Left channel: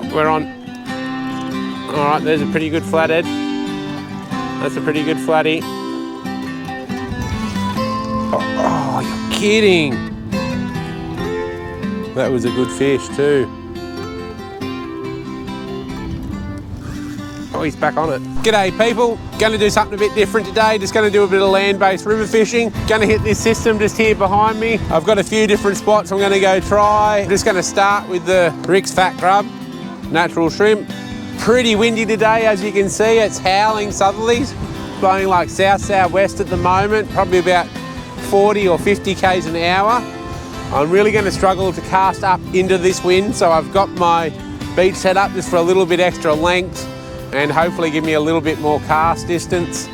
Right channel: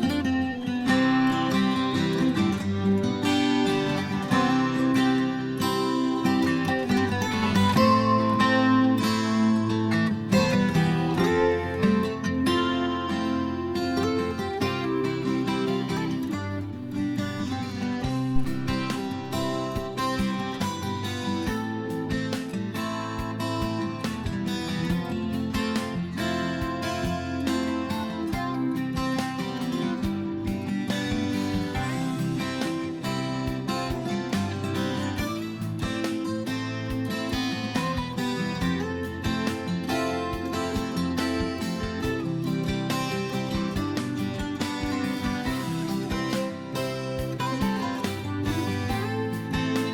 Oh, we're on. All right, there's a pretty good flathead. That's a pretty good flatty. Oh, you're kidding. That was a good fish too. Oh, he's back on it. G'day people, going to do something a bit different today. Just going to do a bit of land-based river fishing. Going to hit this system just here behind me. I've got a few different spots I'm going to go try. I'm just going to start with the Rick's Fat Grub, natural shrimp. Pretty windy today, as you can see. It's howling southerlies, blowing like south-southwest at the moment, probably about 40 or 50 k's an hour. I'm really going to struggle to cast up into this wind, so I've got my beach set up just for a little bit extra length and hopefully give me a little bit more cast distance.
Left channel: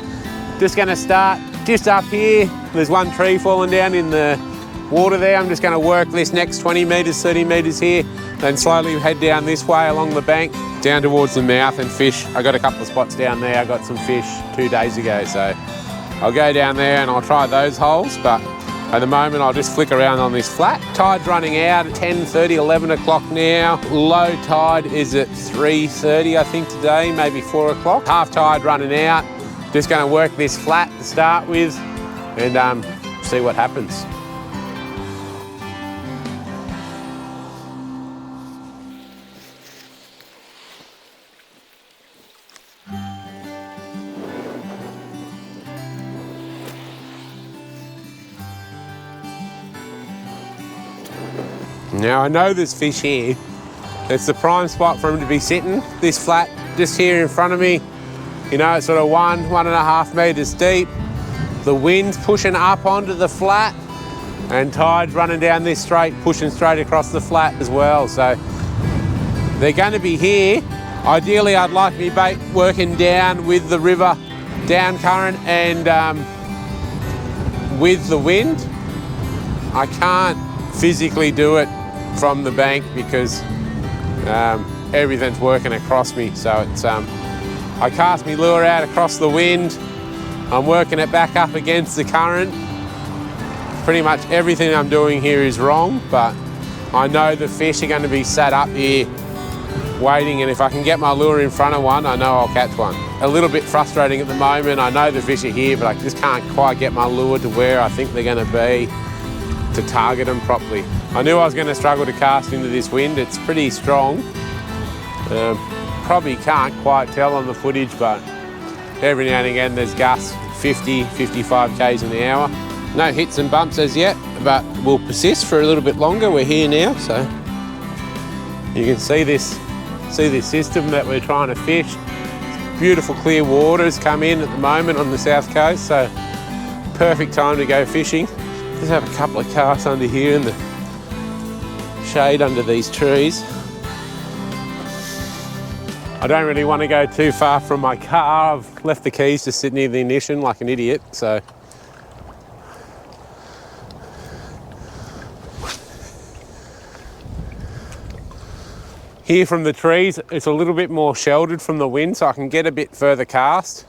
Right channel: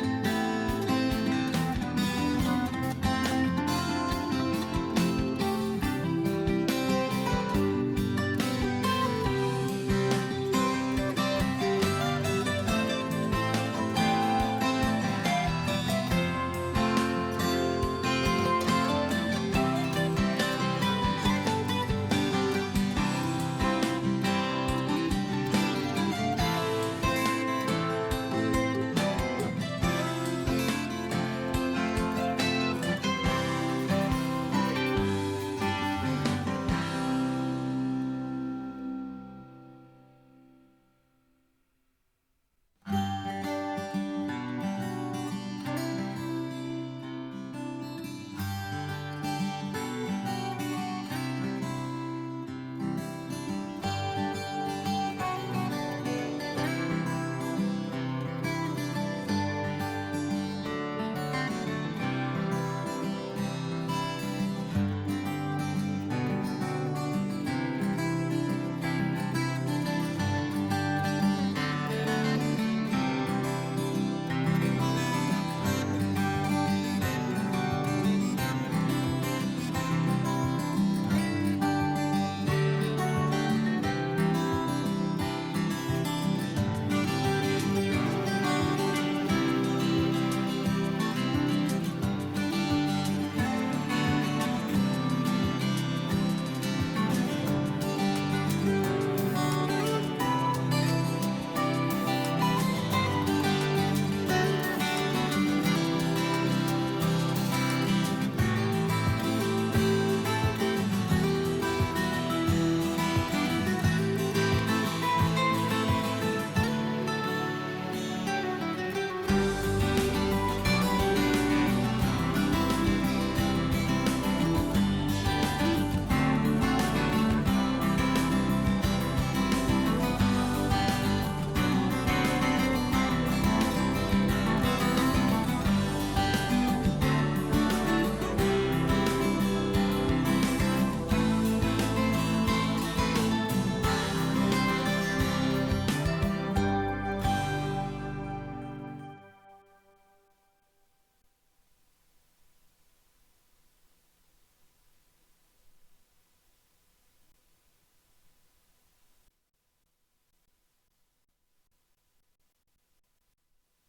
Just going to start just up here. There's one tree falling down in the water there. I'm just going to work this next 20 metres, 30 metres here, then slowly head down this way along the bank, down towards the mouth and fish. I got a couple of spots down there. I got some fish 2 days ago, so I'll go down there and I'll try those holes, but at the moment I'll just flick around on this flat. Tide's running out at 10:30, 11 o'clock now. Low tide is at 3:30 I think today, maybe 4 o'clock. Half tide running out. Just going to work this flat to start with and see what happens. Now I know there's fish here. It's the prime spot for them to be sitting. This flat just here in front of me, you know, it's sort of 1.5 metres deep. The wind's pushing up onto the flat and tide's running down this straight, pushing straight across the flat as well. So they're going to be here. Ideally, I'd like my bait working down with the river, down current and with the wind. I can't physically do it from the bank because everything's working across me. So it's I cast my lure out across the wind. I'm working it back up against the current. Pretty much everything I'm doing here is wrong, but I know the fish are going to be sat up here waiting, and if I can get my lure in front of one, I know I'll catch one. A little bit frustrating at the moment. I know the fish are here, but I just can't quite get my lure to where I think they're going to be to target them properly. I knew I was going to struggle to cast into this wind. It's pretty strong. Probably can't quite tell on the footage, but every now and again there's gusts 50, 55 k's an hour. No hits and bumps as yet, but we'll persist for a little bit longer. We're here now, so you can see this system that we're trying to fish. Beautiful clear waters come in at the moment on the south coast, so perfect time to go fishing. Just have a couple of casts under here in the shade under these trees. I don't really want to go too far from my car. I've left the keys to sit near the ignition like an idiot, so. Here from the trees, it's a little bit more sheltered from the wind, so I can get a bit further cast.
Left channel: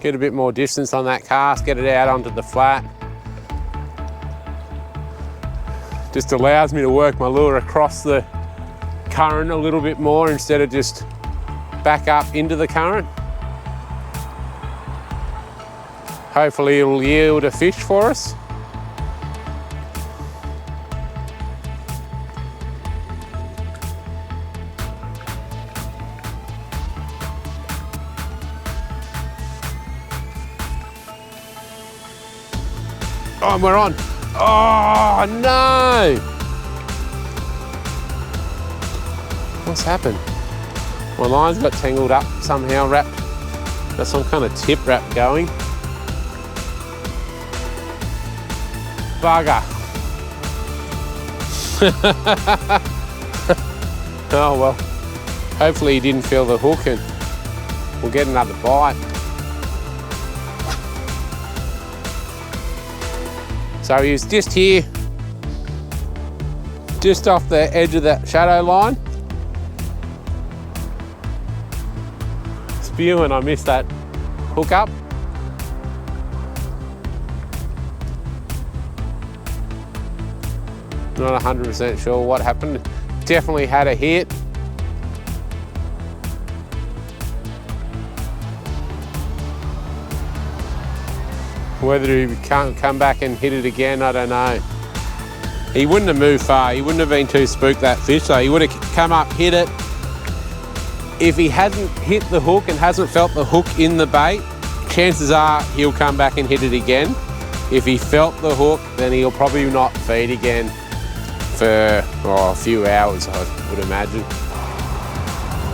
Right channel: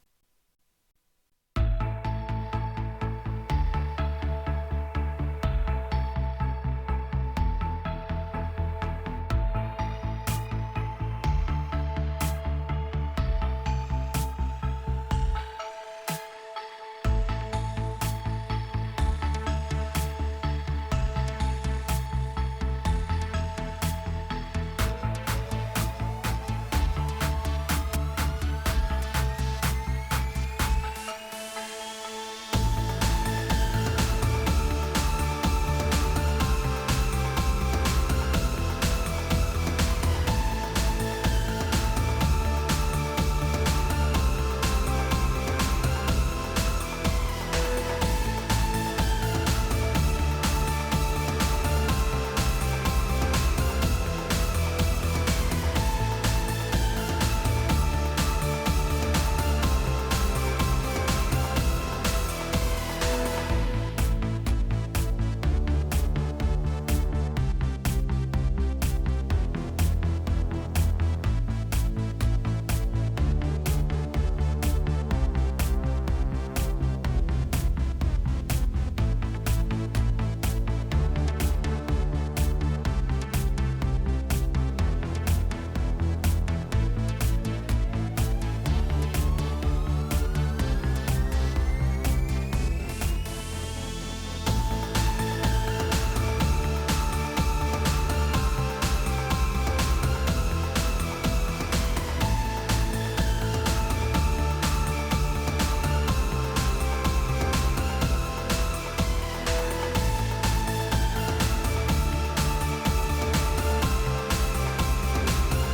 Get a bit more distance on that cast, get it out onto the flat. Just allows me to work my lure across the current a little bit more instead of just back up into the current. Hopefully it'll yield a fish for us. Oh, and we're on. Oh, no! What's happened? My lines got tangled up somehow, wrapped. There's some kind of tip wrap going. Bugger. Oh well, hopefully he didn't feel the hook and we'll get another bite. So he was just here, just off the edge of that shadow line. Spewing, I missed that hook up. Not 100% sure what happened. Definitely had a hit. Whether he can't come back and hit it again, I don't know. He wouldn't have moved far. He wouldn't have been too spooked, that fish, so he would have come up, hit it. If he hasn't hit the hook and hasn't felt the hook in the bait, chances are he'll come back and hit it again. If he felt the hook, then he'll probably not feed again for a few hours, I would imagine.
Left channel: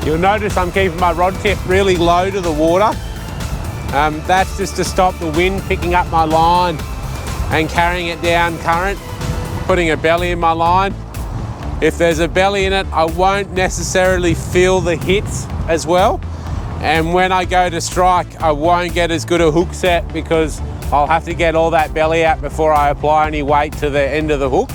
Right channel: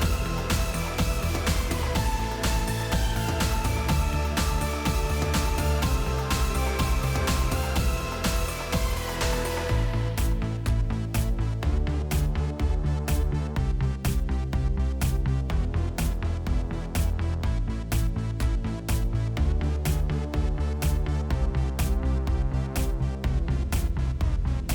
You'll notice I'm keeping my rod tip really low to the water. That's just to stop the wind picking up my line and carrying it down current, putting a belly in my line. If there's a belly in it, I won't necessarily feel the hits as well. And when I go to strike, I won't get as good a hook set because I'll have to get all that belly out before I apply any weight to the end of the hook.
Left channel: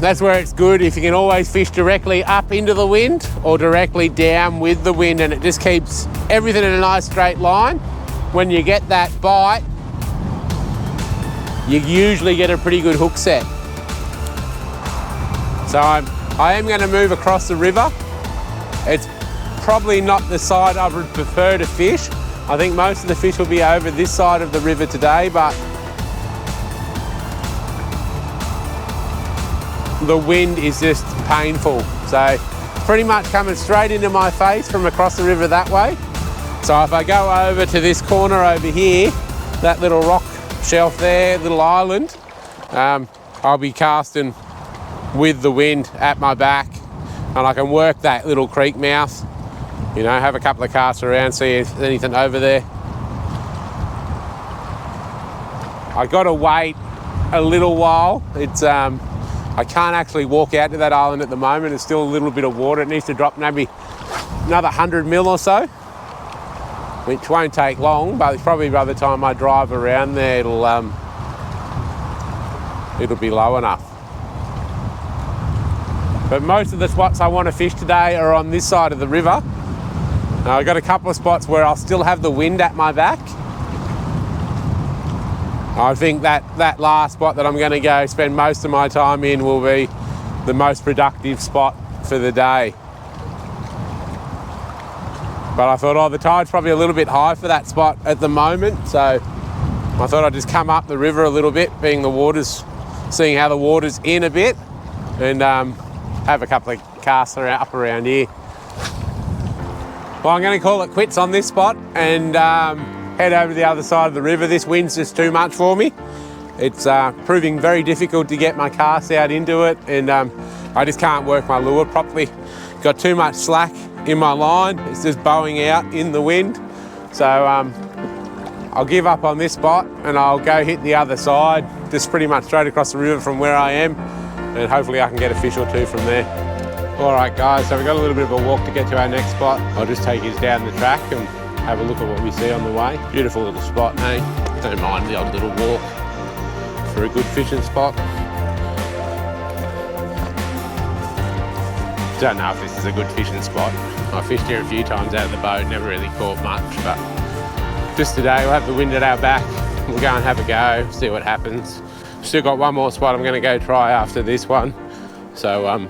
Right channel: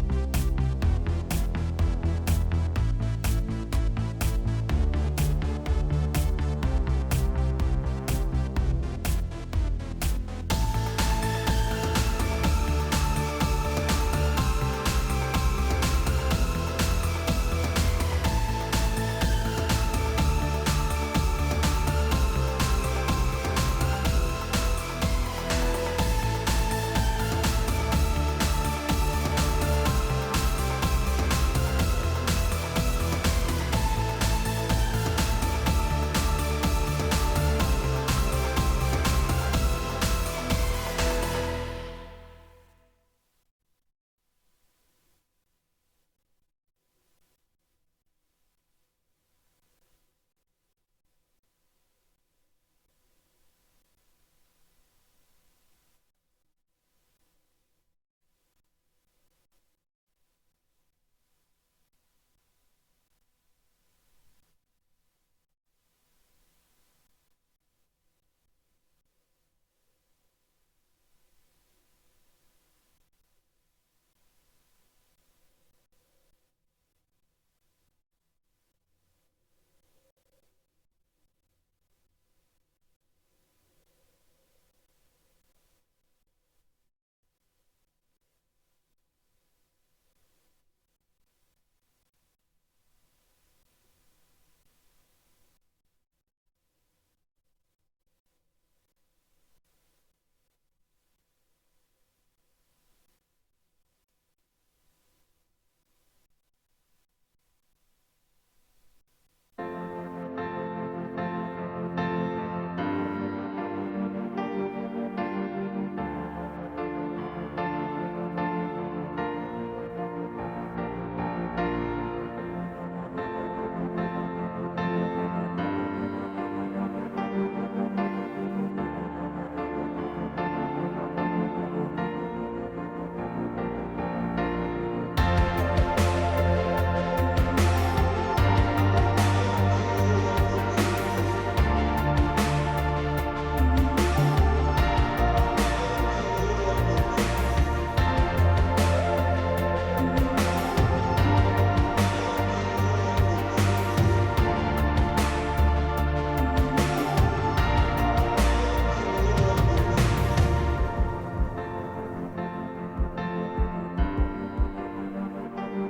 That's where it's good if you can always fish directly up into the wind or directly down with the wind, and it just keeps everything in a nice straight line. When you get that bite, you usually get a pretty good hook set. So I am going to move across the river. It's probably not the side I would prefer to fish. I think most of the fish will be over this side of the river today, but the wind is just painful. So pretty much coming straight into my face from across the river that way. So if I go over to this corner over here, that little rock shelf there, little island, I'll be casting with the wind at my back, and I can work that little creek mouth, you know, have a couple of casts around, see if there's anything over there. I got to wait a little while. It's I can't actually walk out to that island at the moment. There's still a little bit of water. It needs to drop maybe another 100 mil or so, which won't take long, but it's probably by the time I drive around there, it'll be low enough. But most of the spots I want to fish today are on this side of the river. I've got a couple of spots where I'll still have the wind at my back. I think that last spot that I'm going to go spend most of my time in will be the most productive spot for the day. But I thought, the tide's probably a little bit high for that spot at the moment, so I thought I'd just come up the river a little bit, seeing how the water's in a bit, and have a couple of casts up around here. Well, I'm going to call it quits on this spot and head over to the other side of the river. This wind's just too much for me. It's proving very difficult to get my cast out into it, and I just can't work my lure properly. Got too much slack in my line. It's just bowing out in the wind. So I'll give up on this spot and I'll go hit the other side, just pretty much straight across the river from where I am, and hopefully I can get a fish or two from there. All right, guys, so we've got a little bit of a walk to get to our next spot. I'll just take you down the track and have a look at what we see on the way. Beautiful little spot, mate. Don't mind the odd little walk for a good fishing spot. Don't know if this is a good fishing spot. I fished here a few times out of the boat, never really caught much, but just today we'll have the wind at our back. We'll go and have a go, see what happens. Still got one more spot I'm going to go try after this one. So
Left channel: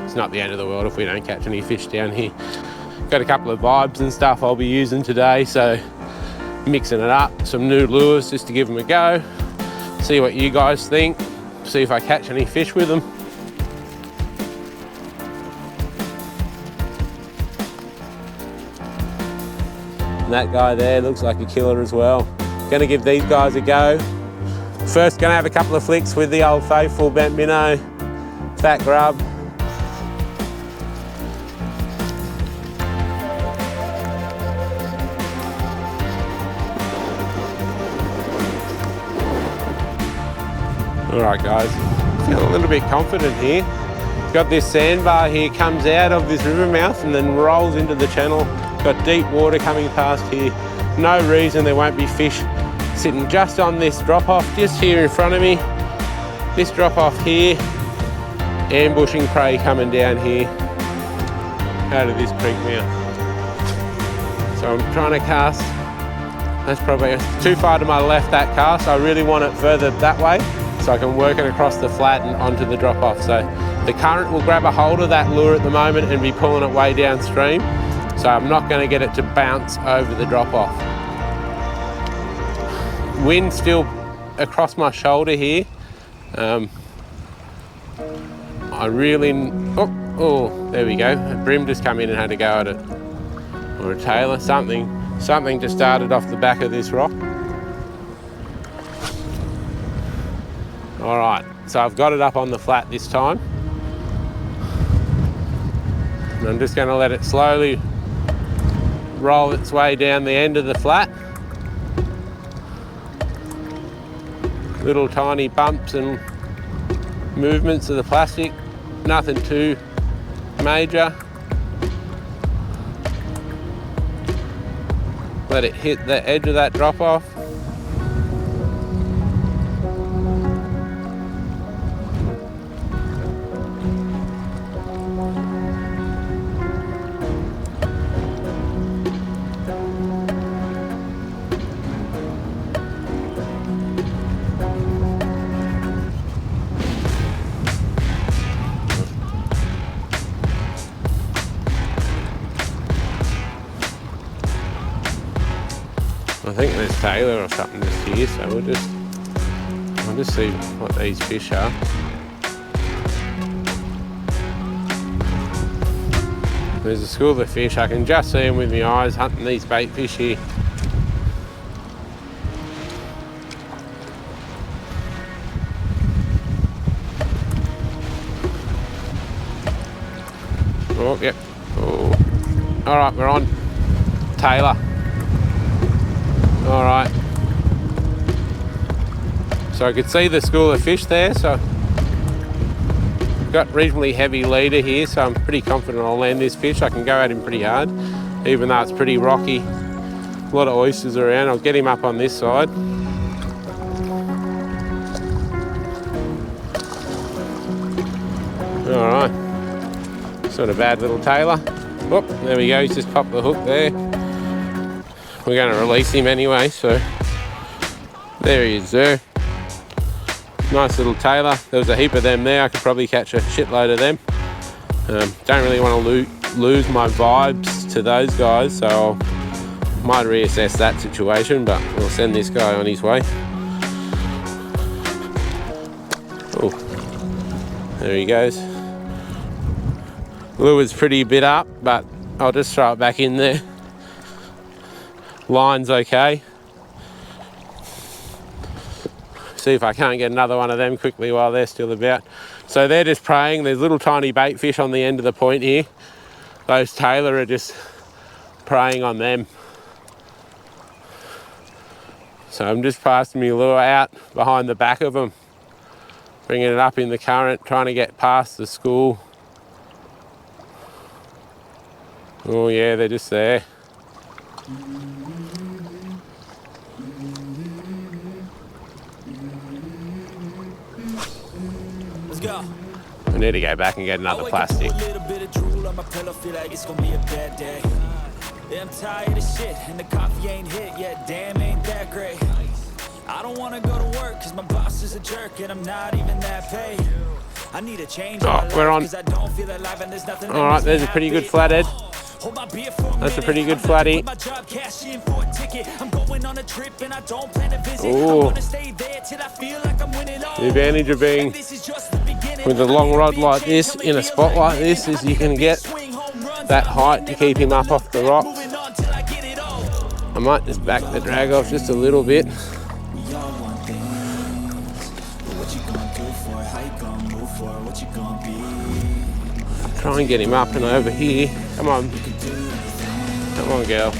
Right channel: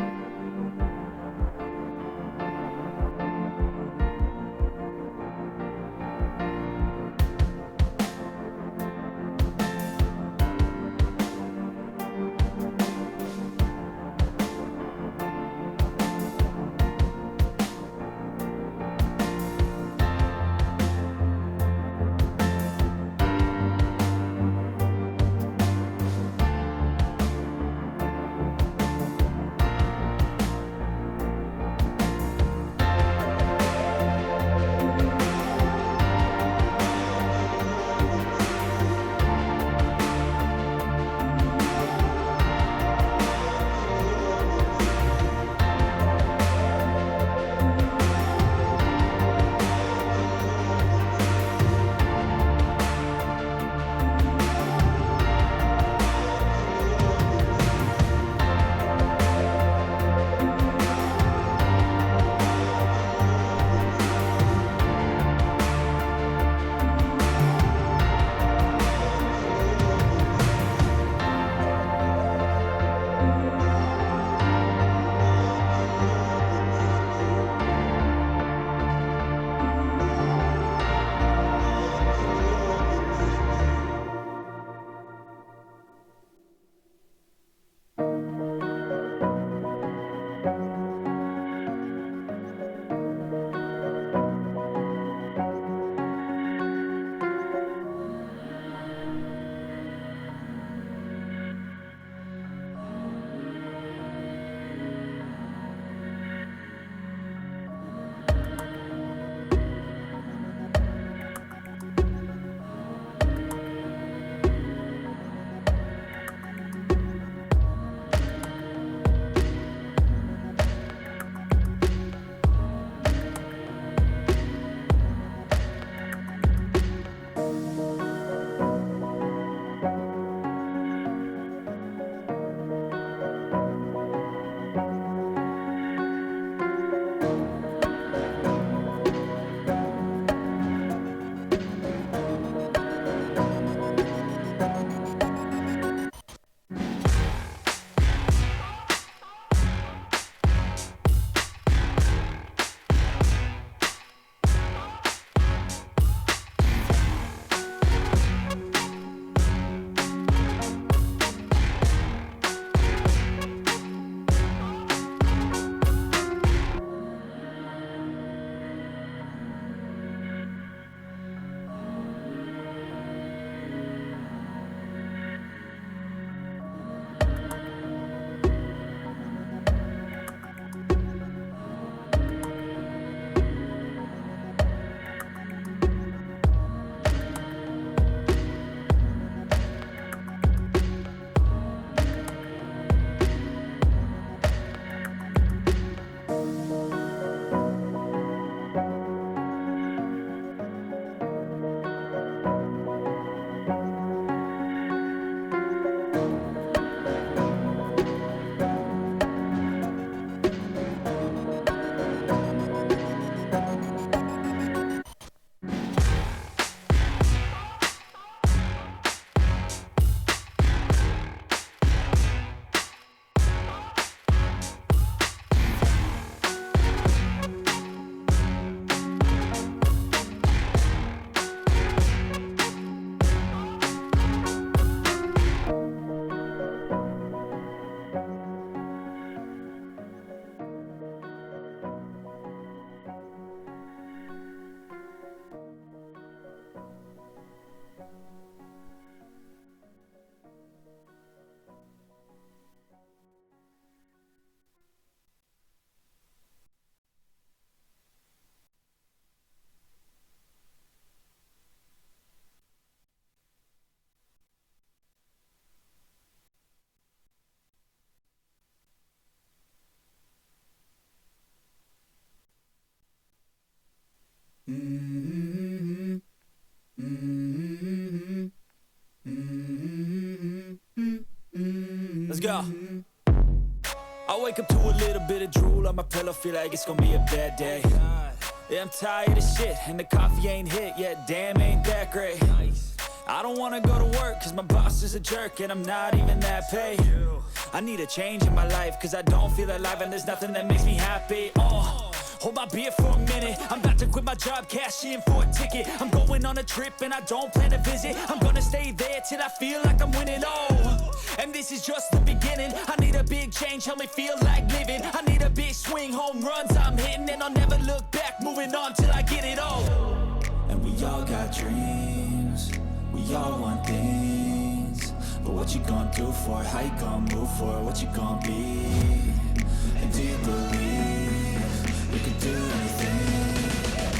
it's not the end of the world if we don't catch any fish down here. Got a couple of vibes and stuff I'll be using today, so mixing it up, some new lures just to give them a go, see what you guys think, see if I catch any fish with them. And that guy there looks like a killer as well. Gonna give these guys a go. First gonna have a couple of flicks with the old faithful bent minnow, fat grub. All right, guys, feel a little bit confident here. Got this sandbar here, comes out of this river mouth and then rolls into the channel. Got deep water coming past here. No reason there won't be fish sitting just on this drop off, just here in front of me. This drop off here, ambushing prey coming down here out of this creek mouth. So I'm trying to cast That's probably too far to my left, that cast. I really want it further that way so I can work it across the flat and onto the drop off. So the current will grab a hold of that lure at the moment and be pulling it way downstream. So I'm not going to get it to bounce over the drop off. Wind still across my shoulder here. I really, oh, there we go. A brim just come in and had to go at it. Or a tailor, something just started off the back of this rock. All right, so I've got it up on the flat this time. And I'm just going to let it slowly roll its way down the end of the flat. Little tiny bumps and movements of the plastic, nothing too major. Let it hit the edge of that drop off. I think there's tailor or something here, so we'll just see what these fish are. There's a school of fish. I can just see them with my eyes hunting these bait fish here. Oh, yep. Oh. All right, we're on. Tailor. All right. So I could see the school of fish there, so I've got reasonably heavy leader here, so I'm pretty confident I'll land this fish. I can go at him pretty hard, even though it's pretty rocky. A lot of oysters around. I'll get him up on this side. All right. Sort of bad little tailor. Oh, there we go. He's just popped the hook there. We're going to release him anyway, so there he is there. Nice little tailor. There was a heap of them there. I could probably catch a shitload of them. Don't really want to lose my vibes to those guys, so I might reassess that situation, but we'll send this guy on his way. Oh, there he goes. Lure's pretty bit up, but I'll just throw it back in there. Line's okay. See if I can't get another one of them quickly while they're still about. So they're just preying. There's little tiny bait fish on the end of the point here. Those tailor are just preying on them. So I'm just passing my lure out behind the back of them, bringing it up in the current, trying to get past the school. Oh yeah, they're just there. Let's go. I need to go back and get another plastic. I wake up to a little bit of drool on my pillow, feel like it's gonna be a bad day. Yeah, I'm tired of shit, and the coffee ain't hit yet, damn, ain't that great. I don't wanna go to work, cause my boss is a jerk, and I'm not even that paid. I need a change in my life, cause I don't feel alive, and there's nothing that makes me happy. Alright, there's a pretty good flathead. Hold my beer for a That's minute. a pretty good I'm about to flatty. quit my job, cash in for a ticket. I'm going on a trip and I don't plan to visit. I'm gonna stay there till I feel like I'm winning all. The advantage of being with a long rod like this in a spot like this is you can get that height to keep him up off the rocks. I might just back the drag off just a little bit. We all want things, but what you gonna do for it? How you gonna move for it? What you gonna be? Try and get him up and over here. Come on. Come on, Gale.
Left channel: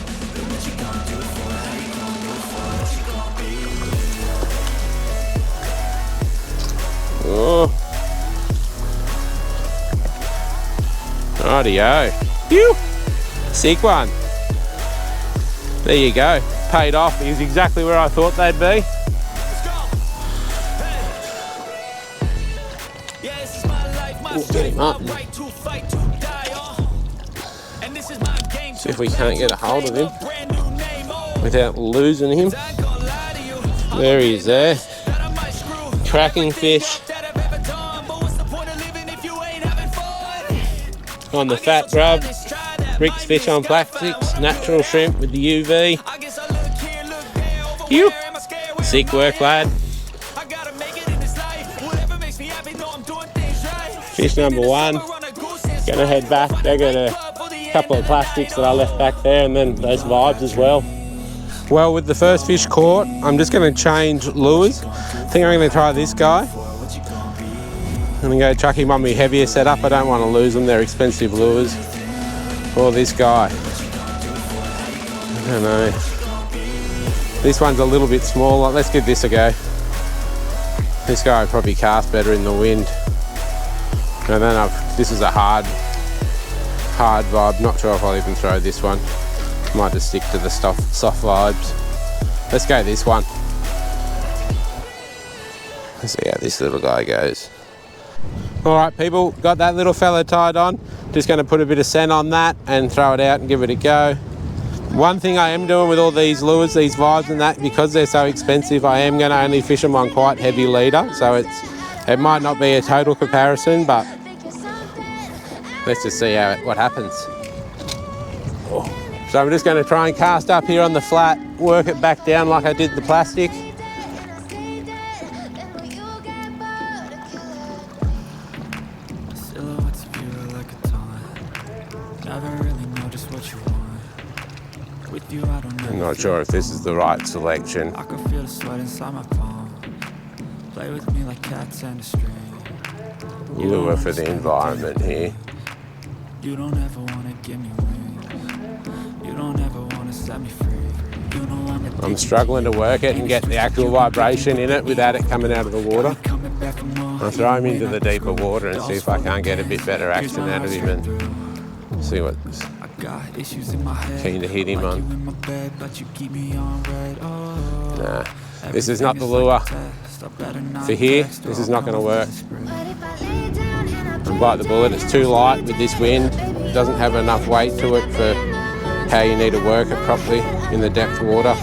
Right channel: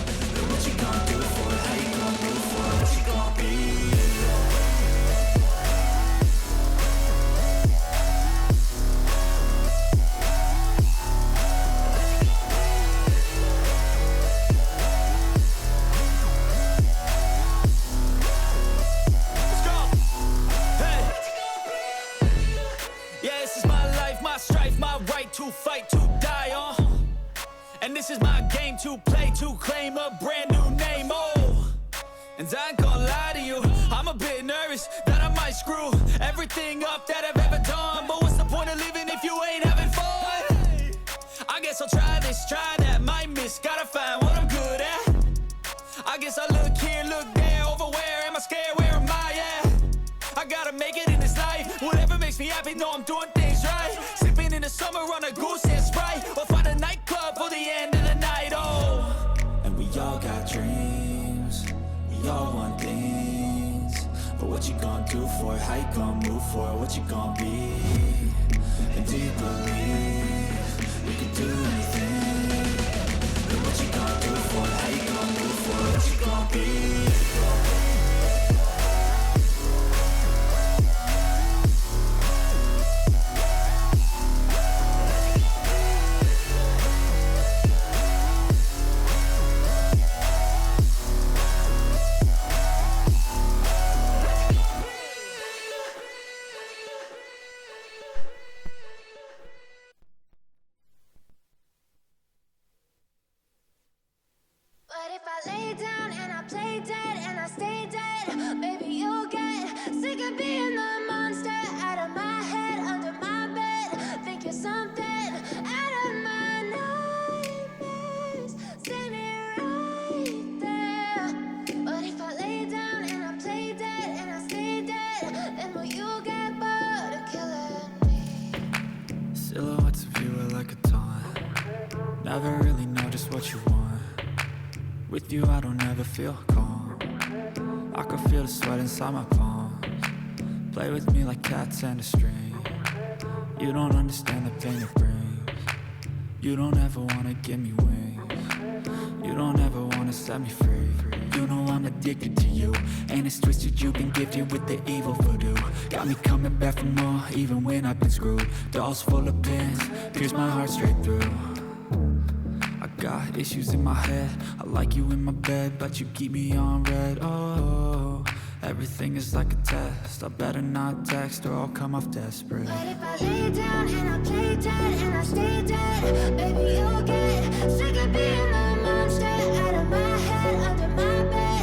Oh. Rightio. Phew. Sick one. There you go. Paid off. He's exactly where I thought they'd be. Let's go. Hey. Yeah, this is my life, my strife, my right to fight, to die on. And this is my game to if we can't get a hold of him. Brand new name. Oh. without losing him. There he is there. Cracking fish. On the fat grub. Rick's fish on plastics. Natural shrimp with the UV. Phew. Sick work, lad. Fish number one. Gonna head back. They're gonna a couple of plastics that I left back there, and then those vibes as well. Well, with the first fish caught, I'm just going to change lures. I think I'm going to try this guy. I'm going to go chuck him on my heavier setup. I don't want to lose them. They're expensive lures. Or this guy. I don't know. This one's a little bit smaller. Let's give this a go. This guy will probably cast better in the wind. And then this is a hard vibe. Not sure if I'll even throw this one. Might just stick to the soft vibes. Let's go this one. Let's see how this little guy goes. All right, people, got that little fella tied on. Just going to put a bit of scent on that and throw it out and give it a go. One thing I am doing with all these lures, these vibes and that, because they're so expensive, I am going to only fish them on quite heavy leader. So it might not be a total comparison, but let's just see what happens. So I'm just going to try and cast up here on the flat, work it back down like I did the plastic. Silhouettes of you are like a taunt. Never really know just what you want. With you, I don't know. I'm not sure if this is the right selection. I can feel the sweat inside my palm. Play with me like cats and a string. You don't Lure for the environment here. You don't ever want to give me wings. You don't ever want to set me free. You know I'm struggling to work it and get the actual vibration in it without it coming out of the water. I'll throw him into the deeper water and see if I can't get a bit better action out of him and see what. I got issues in my head. Keen to hit him like on. you in my bed, but you keep me on red. Oh, nah, this is not the lure for here. This is not going to work. Bite the bullet. It's too light with this wind. It doesn't have enough weight to it for how you need to work it properly in the depth water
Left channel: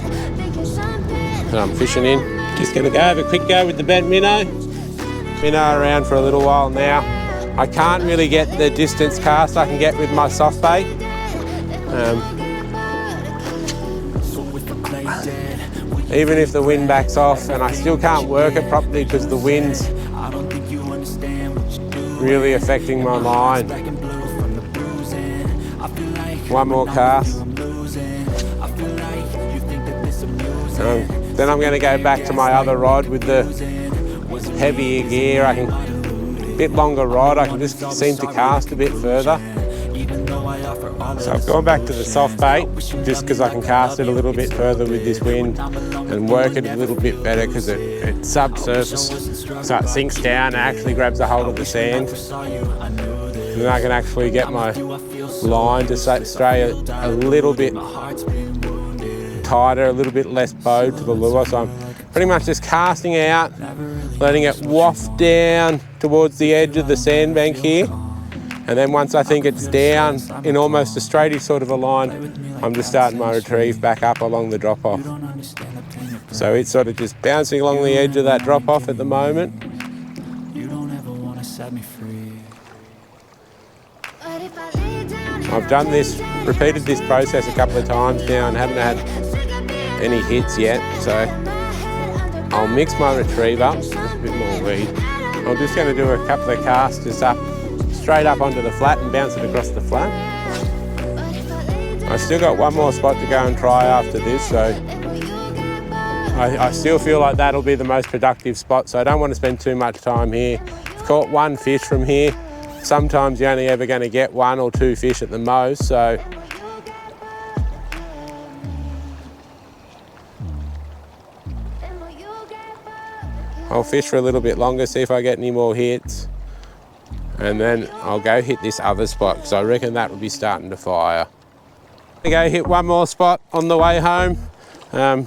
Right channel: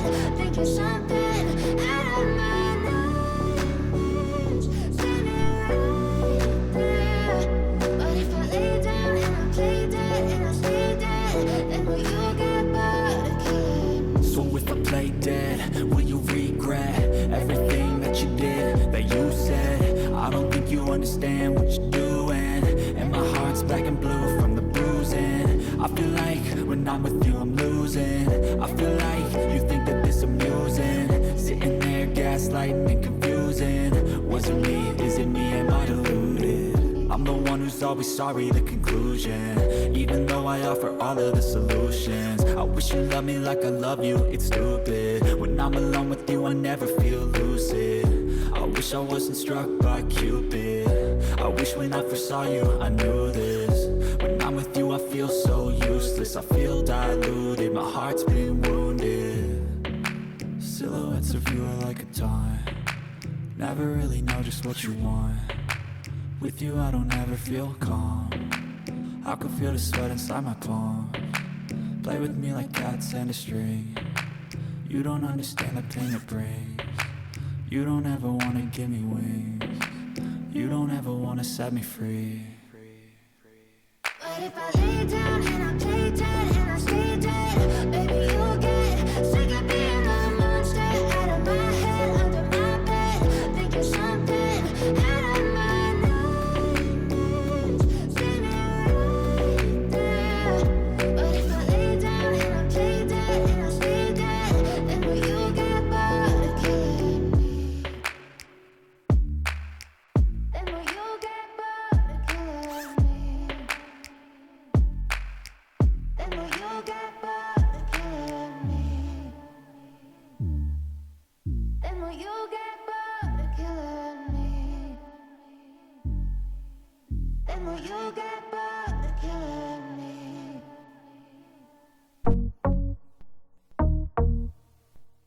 that I'm fishing in. Just going to go have a quick go with the bent minnow. Minnow around for a little while now. I can't really get the distance cast I can get with my soft bait. Even if the wind backs off, and I still can't work it properly because the wind's really affecting my line. One more cast. Then I'm going to go back to my other rod with the heavier gear. A bit longer rod, I can just seem to cast a bit further. So I've gone back to the soft bait just because I can cast it a little bit further with this wind and work it a little bit better because it's subsurface. So it sinks down and actually grabs a hold of the sand. And I can actually get my line to stray a little bit tighter, a little bit less bowed to the lure. So I'm pretty much just casting out, letting it waft down towards the edge of the sandbank here. And then once I think it's down in almost a straightish sort of a line, I'm just starting my retrieve back up along the drop-off. So it's sort of just bouncing along the edge of that drop-off at the moment. You don't ever want to set me free. I've done this, repeated this process a couple of times now and haven't had any hits yet. So I'll mix my retrieve up with a bit more weed. I'm just going to do a couple of casts just up, straight up onto the flat and bounce it across the flat. I still got one more spot to go and try after this, so I still feel like that'll be the most productive spot, so I don't want to spend too much time here. I've caught one fish from here. Sometimes you're only ever going to get one or two fish at the most, so I'll fish for a little bit longer, see if I get any more hits. And then I'll go hit this other spot because I reckon that will be starting to fire. I'm going to go hit one more spot on the way home.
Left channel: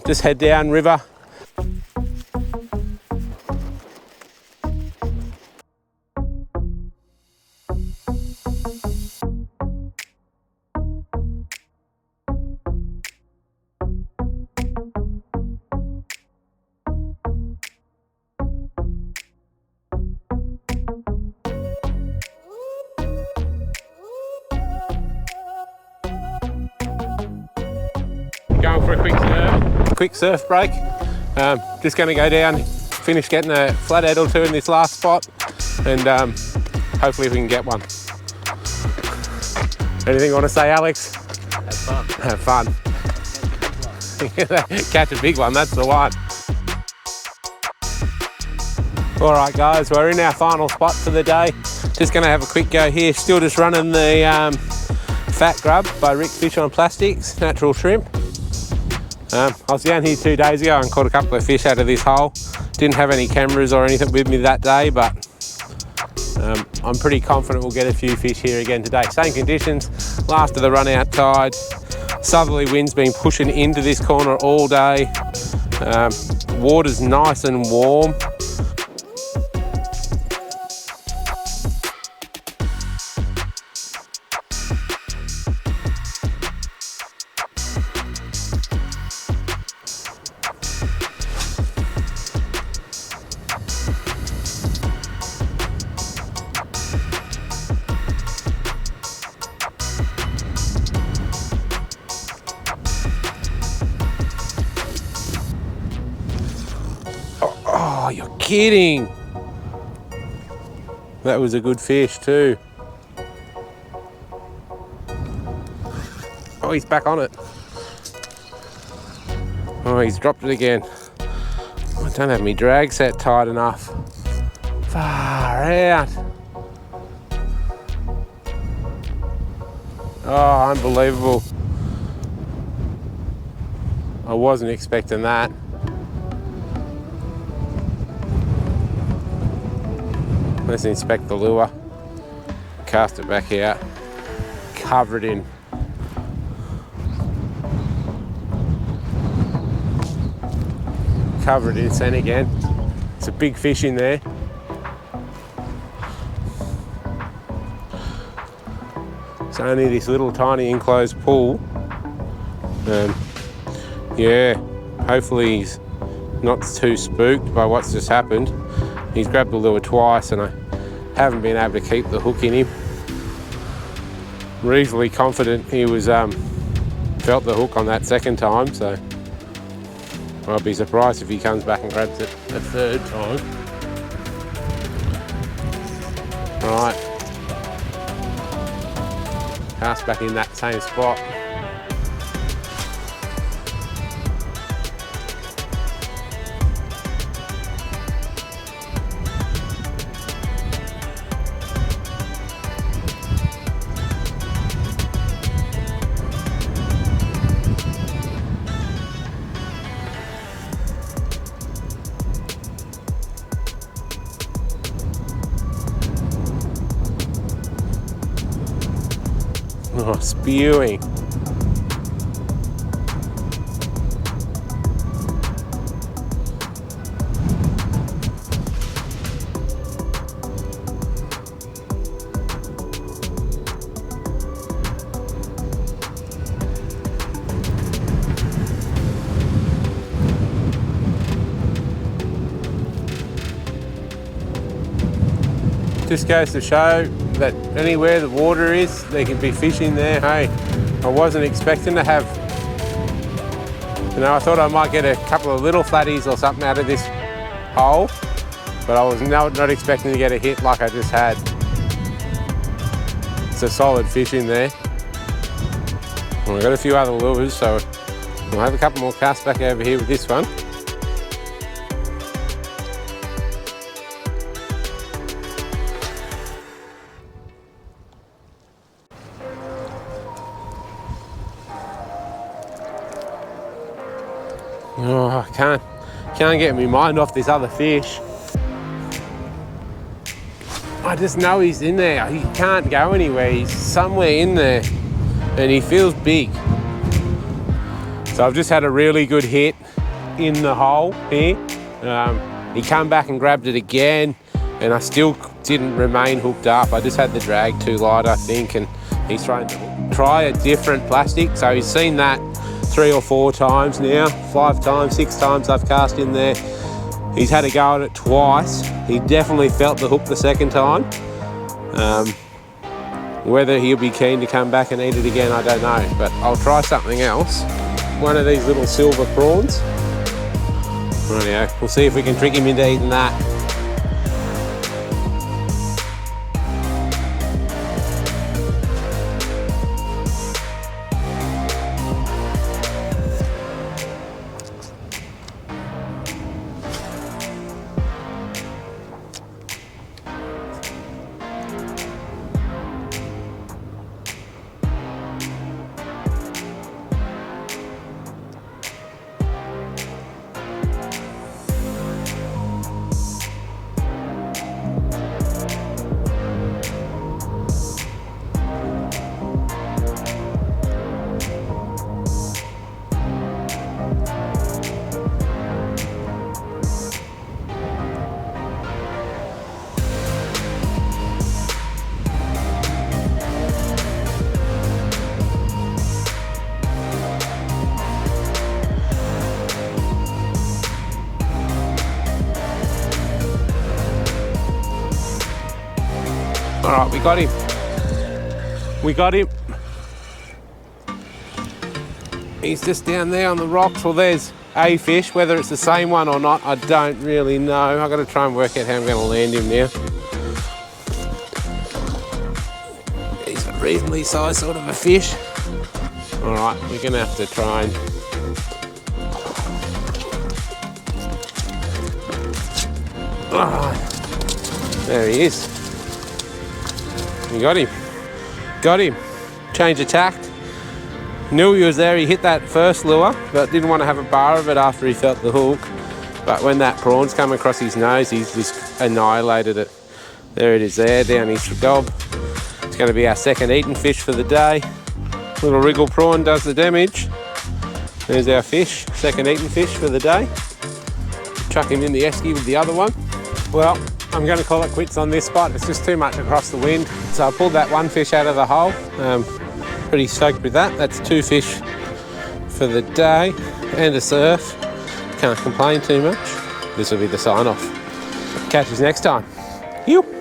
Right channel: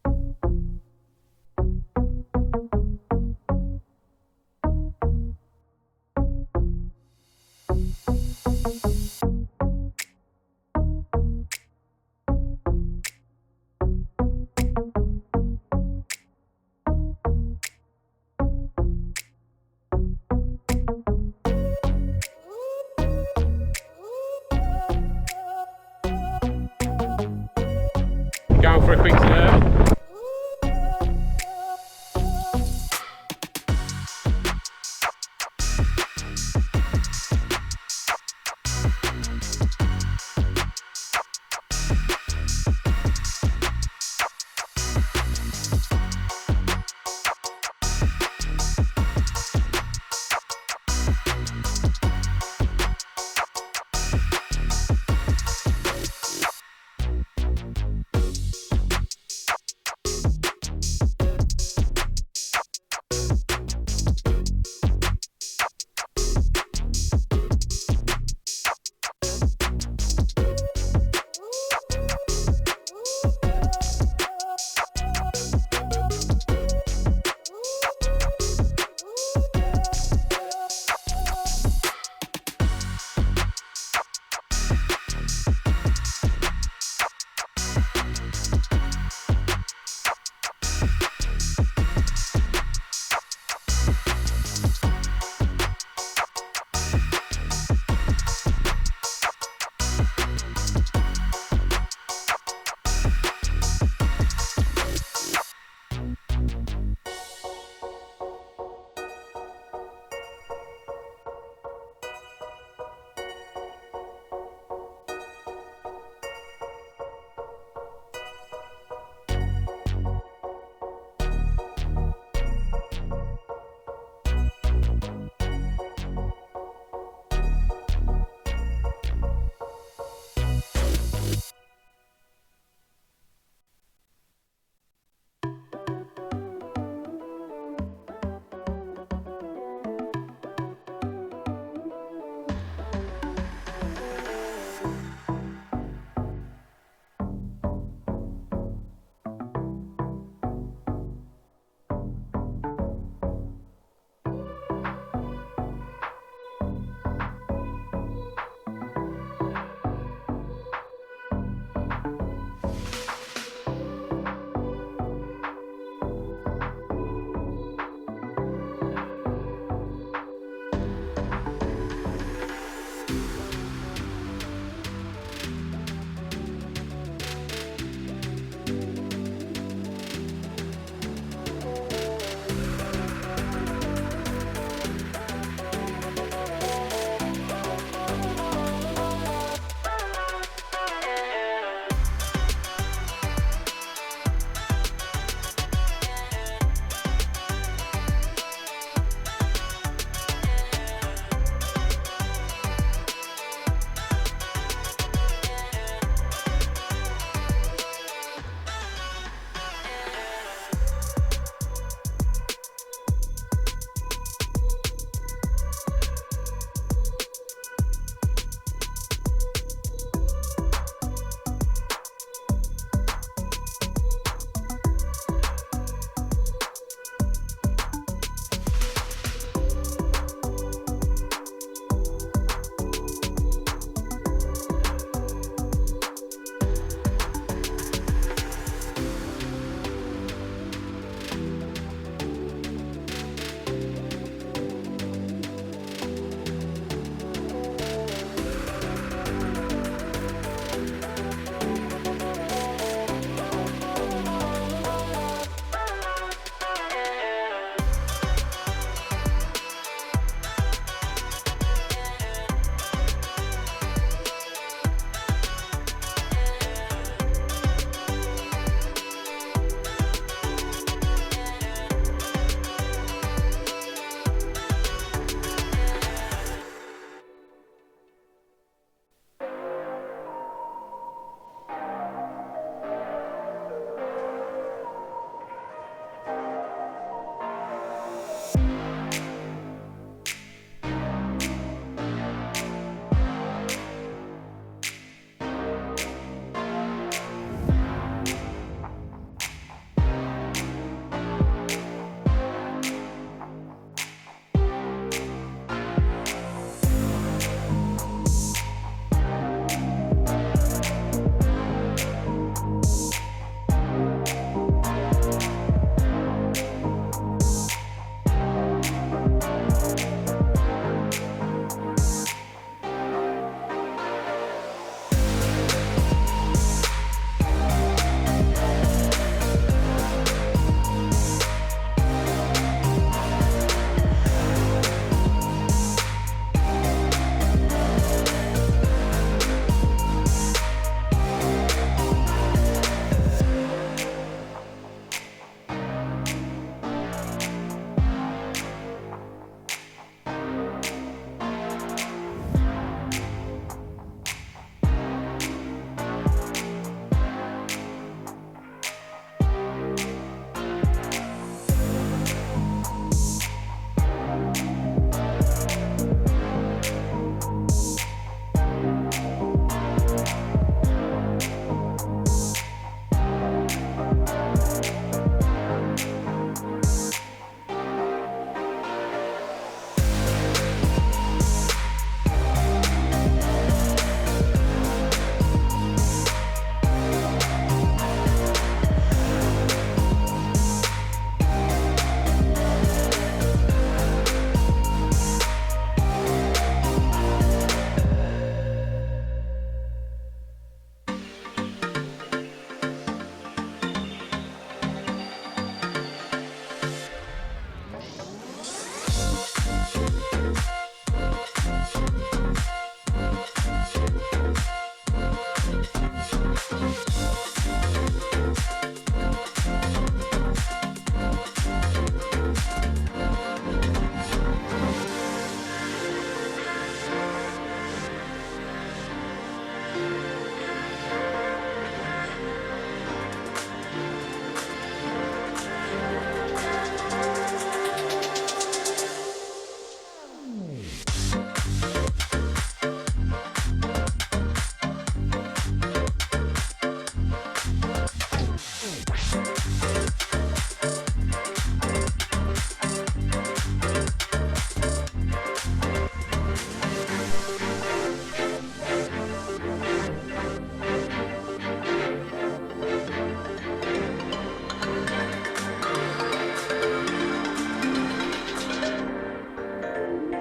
Just head down river. Going for a quick surf break. Just going to go down, finish getting a flathead or two in this last spot, and hopefully we can get one. Anything you want to say, Alex? Have fun. Catch a big one, that's the one. All right, guys, we're in our final spot for the day. Just going to have a quick go here. Still just running the Fat Grub by Rick Fish on Plastics, natural shrimp. I was down here 2 days ago and caught a couple of fish out of this hole. Didn't have any cameras or anything with me that day, but I'm pretty confident we'll get a few fish here again today. Same conditions, last of the run out tide. Southerly wind's been pushing into this corner all day. Water's nice and warm. Oh, you're kidding. That was a good fish too. Oh, he's back on it. Oh, he's dropped it again. I don't have my drag set tight enough. Far out. Oh, unbelievable. I wasn't expecting that. Let's inspect the lure. Cast it back out. Covered in. Covered in scent again. It's a big fish in there. It's only this little tiny enclosed pool. Yeah, hopefully he's not too spooked by what's just happened. He's grabbed the lure twice and I haven't been able to keep the hook in him. Reasonably confident he was felt the hook on that second time, so I'll be surprised if he comes back and grabs it the third time. Alright. Cast back in that same spot. Oh, spewing. Just goes to show that anywhere the water is, there can be fish in there. Hey, I wasn't expecting to have, I thought I might get a couple of little flatties or something out of this hole, but I was not expecting to get a hit like I just had. It's a solid fish in there. Well, I've got a few other lures, so I'll have a couple more casts back over here with this one. Oh, I can't get my mind off this other fish. I just know he's in there. He can't go anywhere. He's somewhere in there and he feels big. So I've just had a really good hit in the hole here. He came back and grabbed it again and I still didn't remain hooked up. I just had the drag too light, I think, and he's trying to try a different plastic. So he's seen that 3 or 4 times now, 5 times, 6 times I've cast in there. He's had a go at it twice. He definitely felt the hook the second time. Whether he'll be keen to come back and eat it again, I don't know, but I'll try something else. One of these little silver prawns. Rightio, we'll see if we can trick him into eating that. Alright, we got him. We got him. He's just down there on the rocks. Well, there's a fish. Whether it's the same one or not, I don't really know. I've got to try and work out how I'm going to land him now. He's a reasonably sized sort of a fish. Alright, we're going to have to try and... Oh, there he is. We got him. Got him. Change of tack. Knew he was there. He hit that first lure, but didn't want to have a bar of it after he felt the hook. But when that prawn's come across his nose, he's just annihilated it. There it is there, down his gob. It's going to be our second eaten fish for the day. Little wriggle prawn does the damage. There's our fish, second eaten fish for the day. Chuck him in the esky with the other one. Well, I'm going to call it quits on this spot. It's just too much across the wind. So I pulled that one fish out of the hole. Pretty stoked with that. That's 2 fish for the day and a surf. Can't complain too much. This will be the sign off. Catch us next time. You.